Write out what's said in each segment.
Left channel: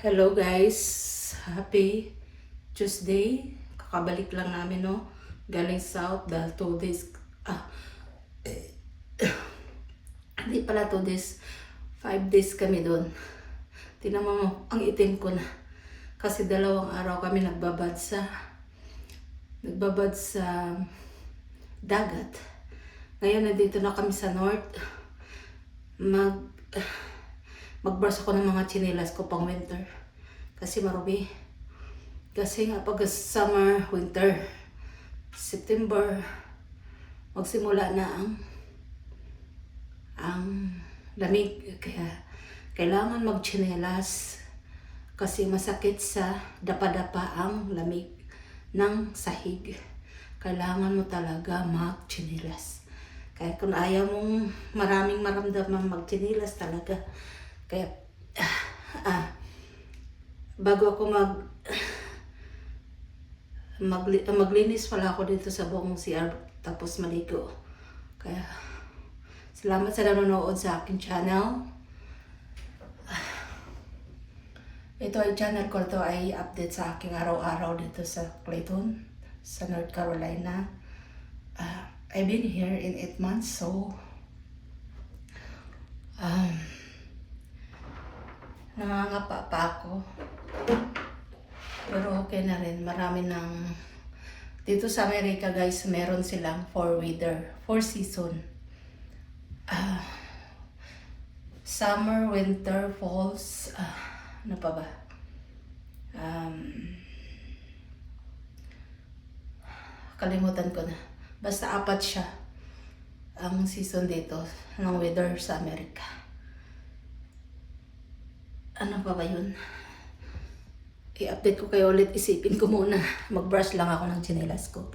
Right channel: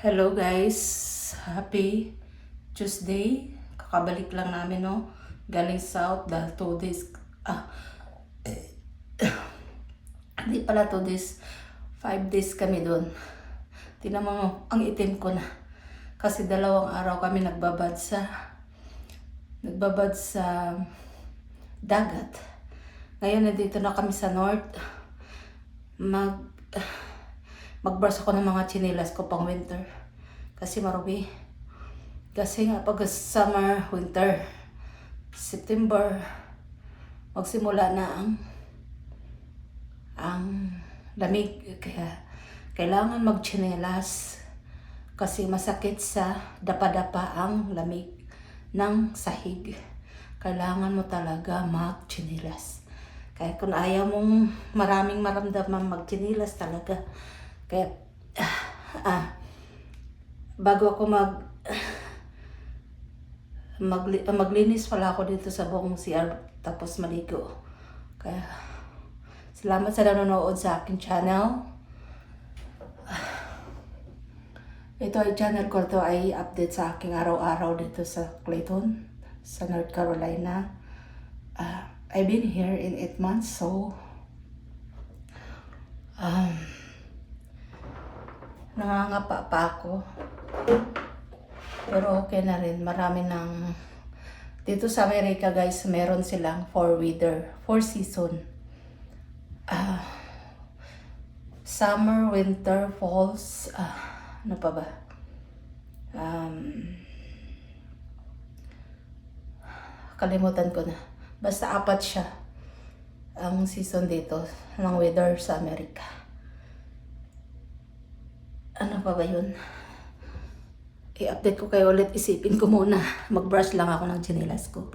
Hello guys, happy Tuesday. Kakabalik lang namin galing South dahil 2 days, hindi pala 2 days, 5 days kami doon. Tingnan mo, ang itim ko na. Kasi 2 araw kami nagbabad sa dagat. Ngayon nandito na kami sa North. Magbrush ako ng mga tsinelas ko pang winter. Kasi marubi. Kasi nga pag summer, winter, September, magsimula na ang lamig. Kaya kailangan magtsinelas kasi masakit sa dapa-dapa ang lamig ng sahig. Kailangan mo talaga magtsinelas. Kaya kung ayaw mong maraming maramdaman, magtsinelas talaga. Kaya bago ako maglinis pala ako dito sa buong CR tapos maligo. Kaya salamat sa nanonood sa aking channel. Ito ay channel ko, ito ay update sa aking araw-araw dito sa Clayton, sa North Carolina. I've been here in 8 months, so nangangapa pa ako. Pero okay na rin. Marami ng dito sa Amerika guys, meron silang 4 season. Summer, winter, falls, ano pa ba? Kalimutan ko na. Basta 4 siya ang season dito ng weather sa Amerika. Ano pa ba yun? I-update ko kayo ulit. Isipin ko muna. Mag-brush lang ako ng tsinelas ko.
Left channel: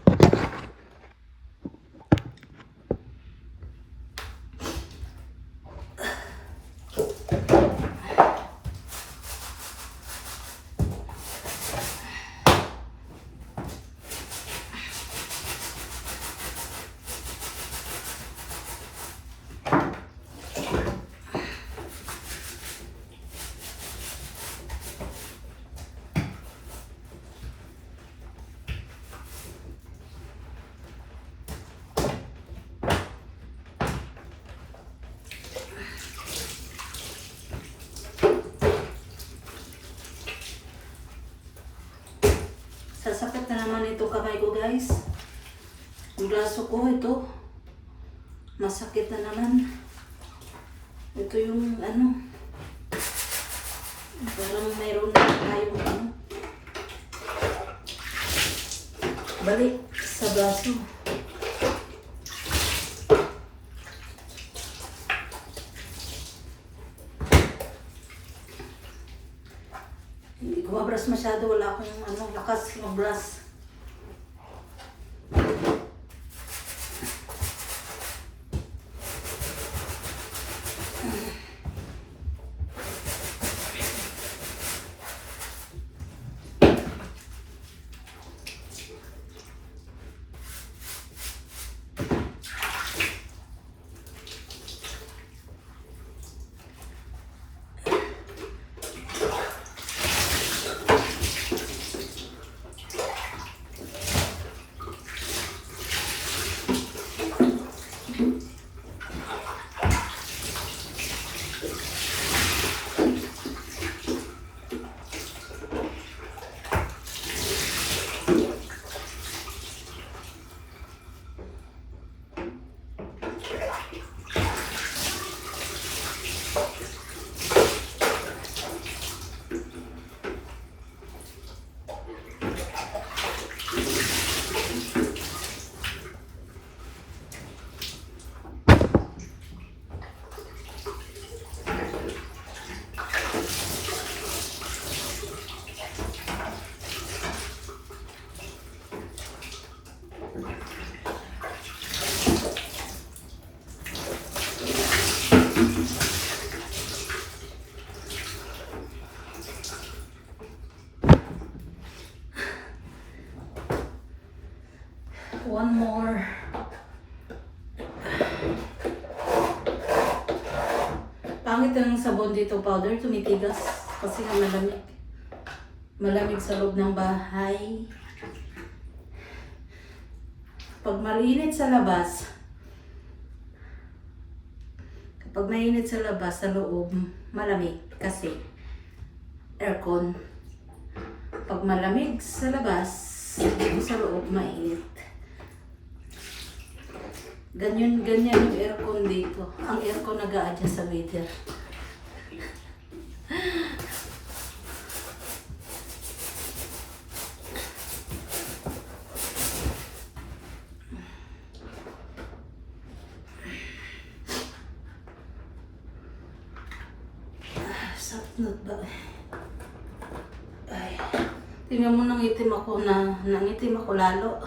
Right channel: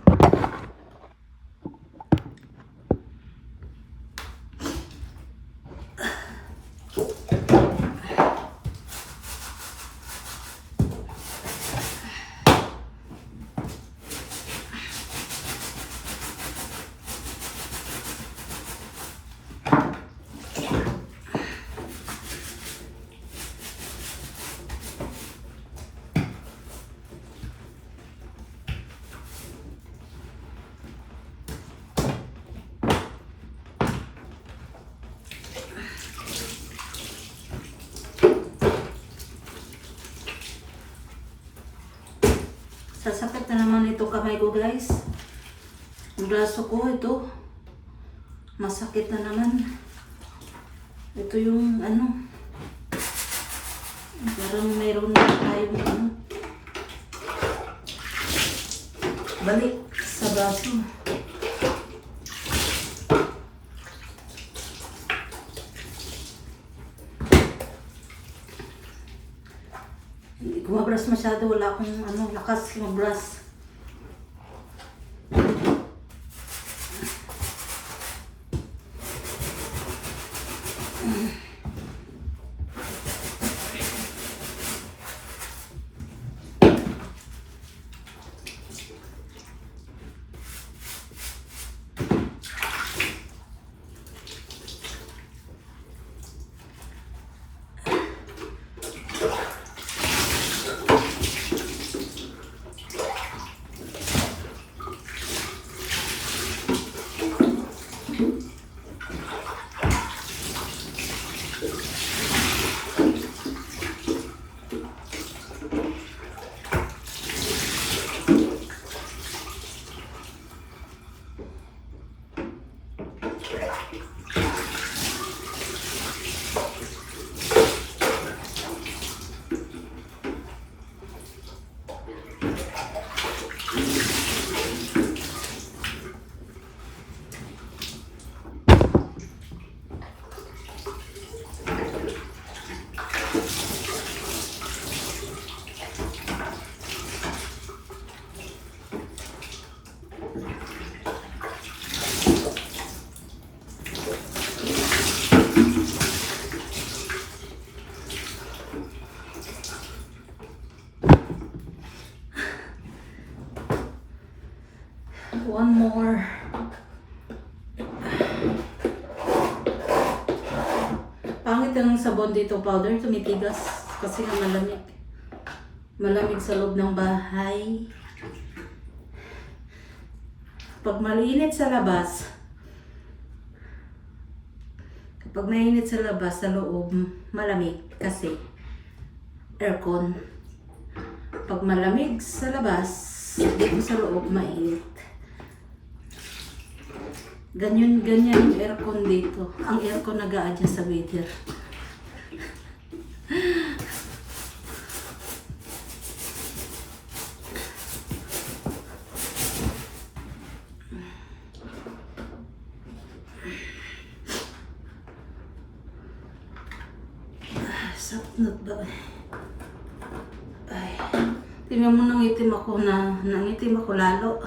Sasakit na naman ito kamay ko guys. Ang braso ko ito. Masakit na naman. Ito yung parang mayroon na tayong balik sa braso. Kumabras masyado, wala akong lakas kumabras. One more. Pangit ang sabon dito powder, tumitigas kasi nga malamig. Malamig sa loob ng bahay. Pag mainit sa labas, kapag mainit sa labas, sa loob, malamig kasi aircon. Pag malamig sa labas, dito sa loob, mainit. Ganyan yung aircon dito. Ang aircon nag-a-adjust sa weather. Sapnot ba? Ay. Tingnan mo, nangitim ako lalo.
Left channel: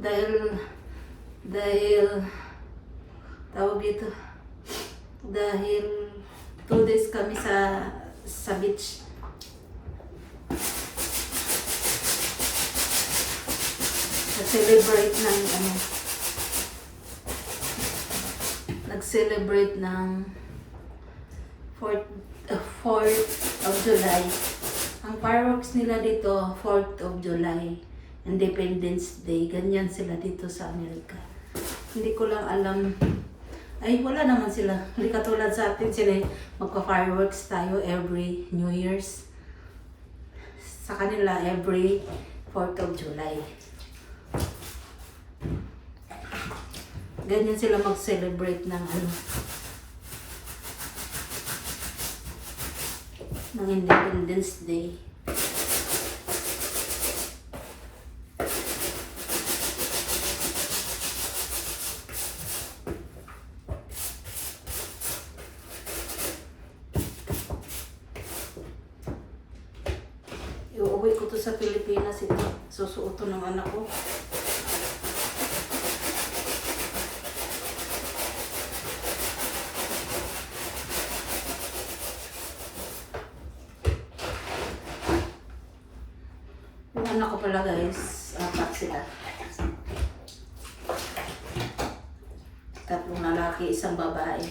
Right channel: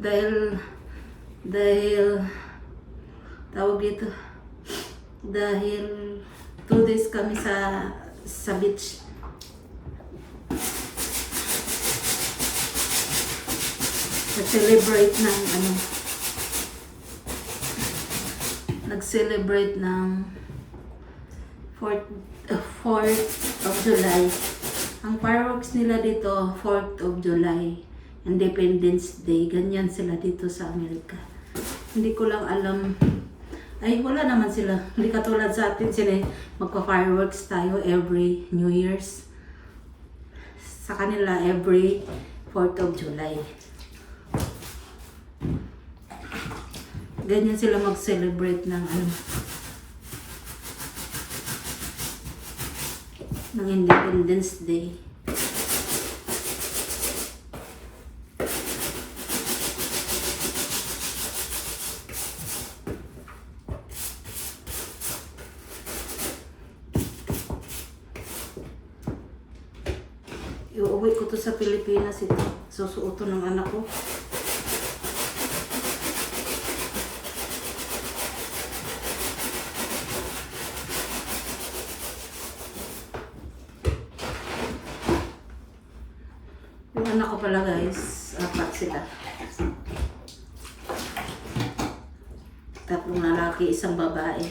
Dahil tawag dito, dahil 2 days kami sa beach. Nag-celebrate ng 4th of July. Ang fireworks nila dito, 4th of July, Independence Day. Ganyan sila dito sa Amerika. Hindi ko lang alam. Ay, wala naman sila. Hindi katulad sa atin sila magpa-fireworks tayo every New Year's. Sa kanila, every 4th of July. Ganyan sila mag-celebrate ng ng Independence Day. Iuwi ko to sa Pilipinas, ito. Susuot to ng anak ko. Yung anak ko pala guys, 4 sila. 3 lalaki, 1 babae.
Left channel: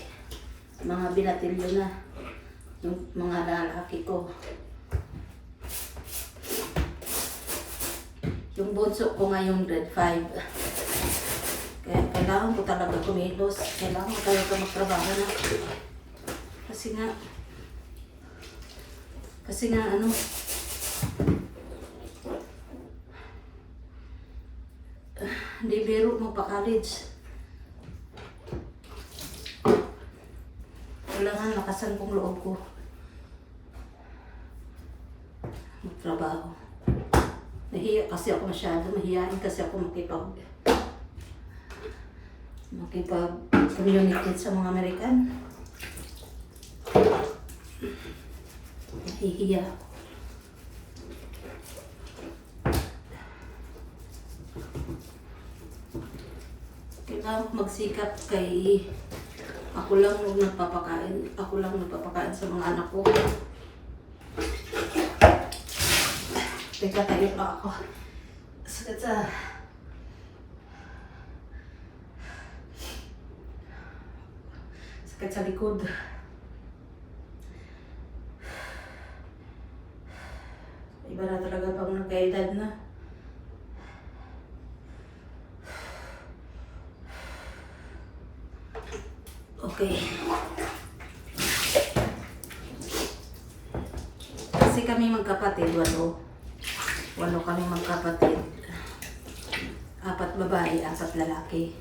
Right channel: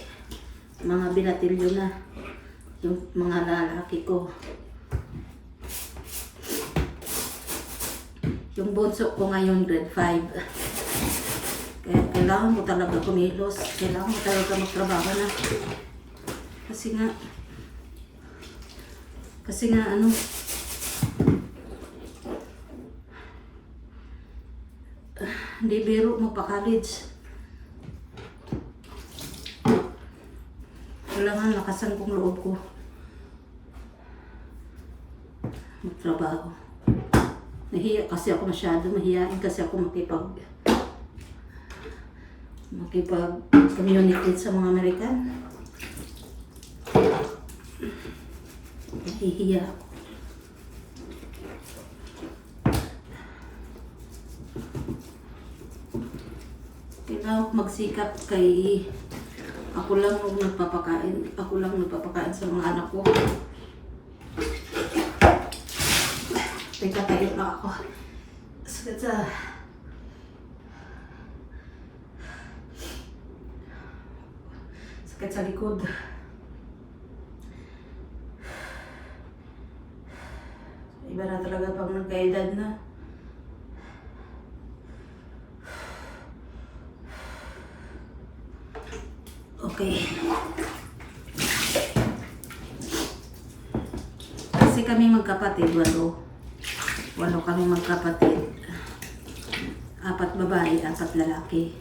Mga binatilyo na yung mga lalaki ko. Yung bunso ko ngayon grade 5. Kaya kailangan ko talaga kumilos. Kailangan ko talaga magtrabaho na. Kasi nga hindi biro magpa-college. Kailangan lakasan kong loob ko magtrabaho. Nahiya kasi ako masyado, mahihain kasi ako makipag-communicate sa mga American. Nahihiya ako. Kailangan ko magsikap kay ako lang nagpapakain sa mga anak ko. Teka, tayo pa ako. Sakit sa likod. Iba na talaga pang nagkaedad na. Okay. Kasi kami magkapatid, 8 kami magkapatid. 4 babae, 4 lalaki.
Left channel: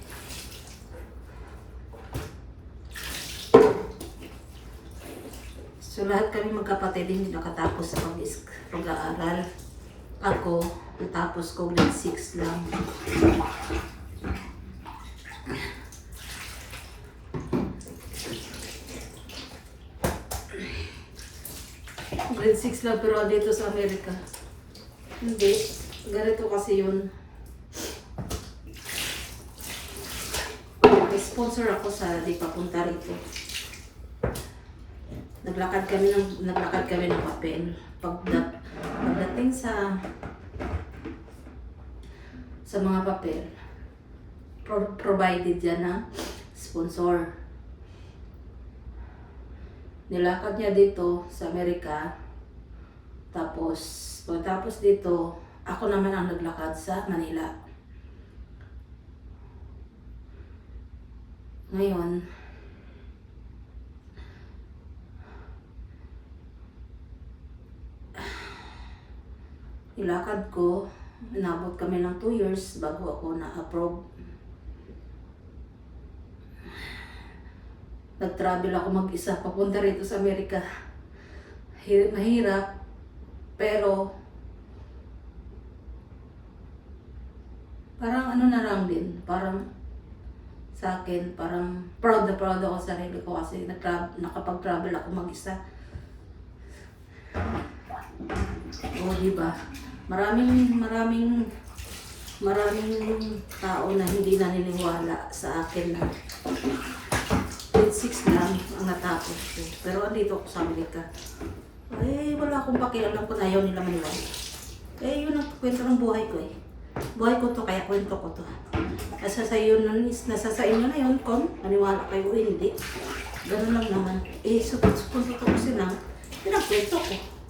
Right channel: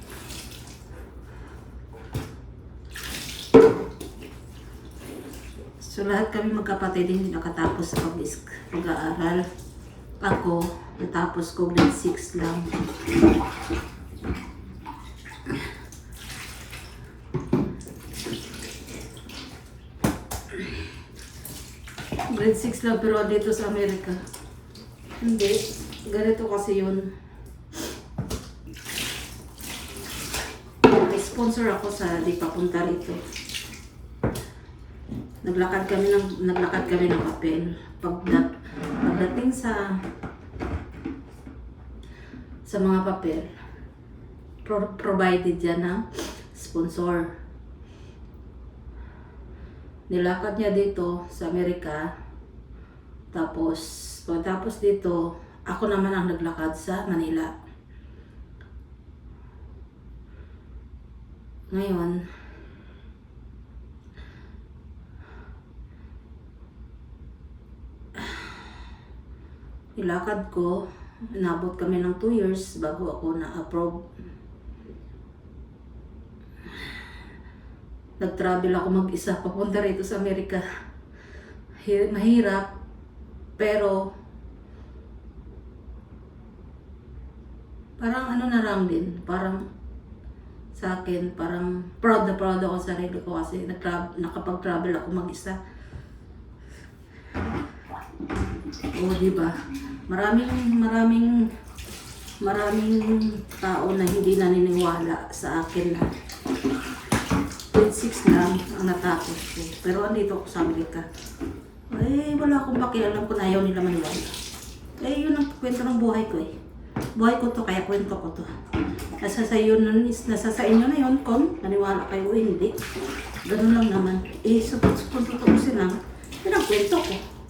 So lahat kami magkapatid, hindi nakatapos sa pag-aaral. Ako, natapos ko grade 6 lang. Grade 6 lang, pero dito sa Amerika hindi. Ganito kasi yun. May sponsor ako sa di papunta rito. Naglakad kami ng papel. Pagdating sa mga papel, provided yan ng sponsor. Nilakad niya dito sa Amerika. Tapos, pagkatapos dito, ako naman ang naglakad sa Manila. Ngayon, nilakad ko, inabot kami ng 2 years bago ako na-approve. Nag-travel ako mag-isa papunta rito sa Amerika. Mahirap, pero parang ano na lang din, parang sa akin, parang proud na proud ako sa sarili ko kasi nakapag-travel ako mag-isa. O, diba? Maraming tao na hindi naniniwala sa akin na grade 6 lang ang natapos ko. Pero andito ako sa Amerika. Eh, wala akong pakialam kung ayaw nila maniwala. Eh, yun ang kwento ng buhay ko eh. Buhay ko to, kaya kwento ko to. Nasa sa inyo na yun kung naniwala kayo o hindi. Ganun lang naman. Eh, kung tutuusin lang, yun ang kwento ko.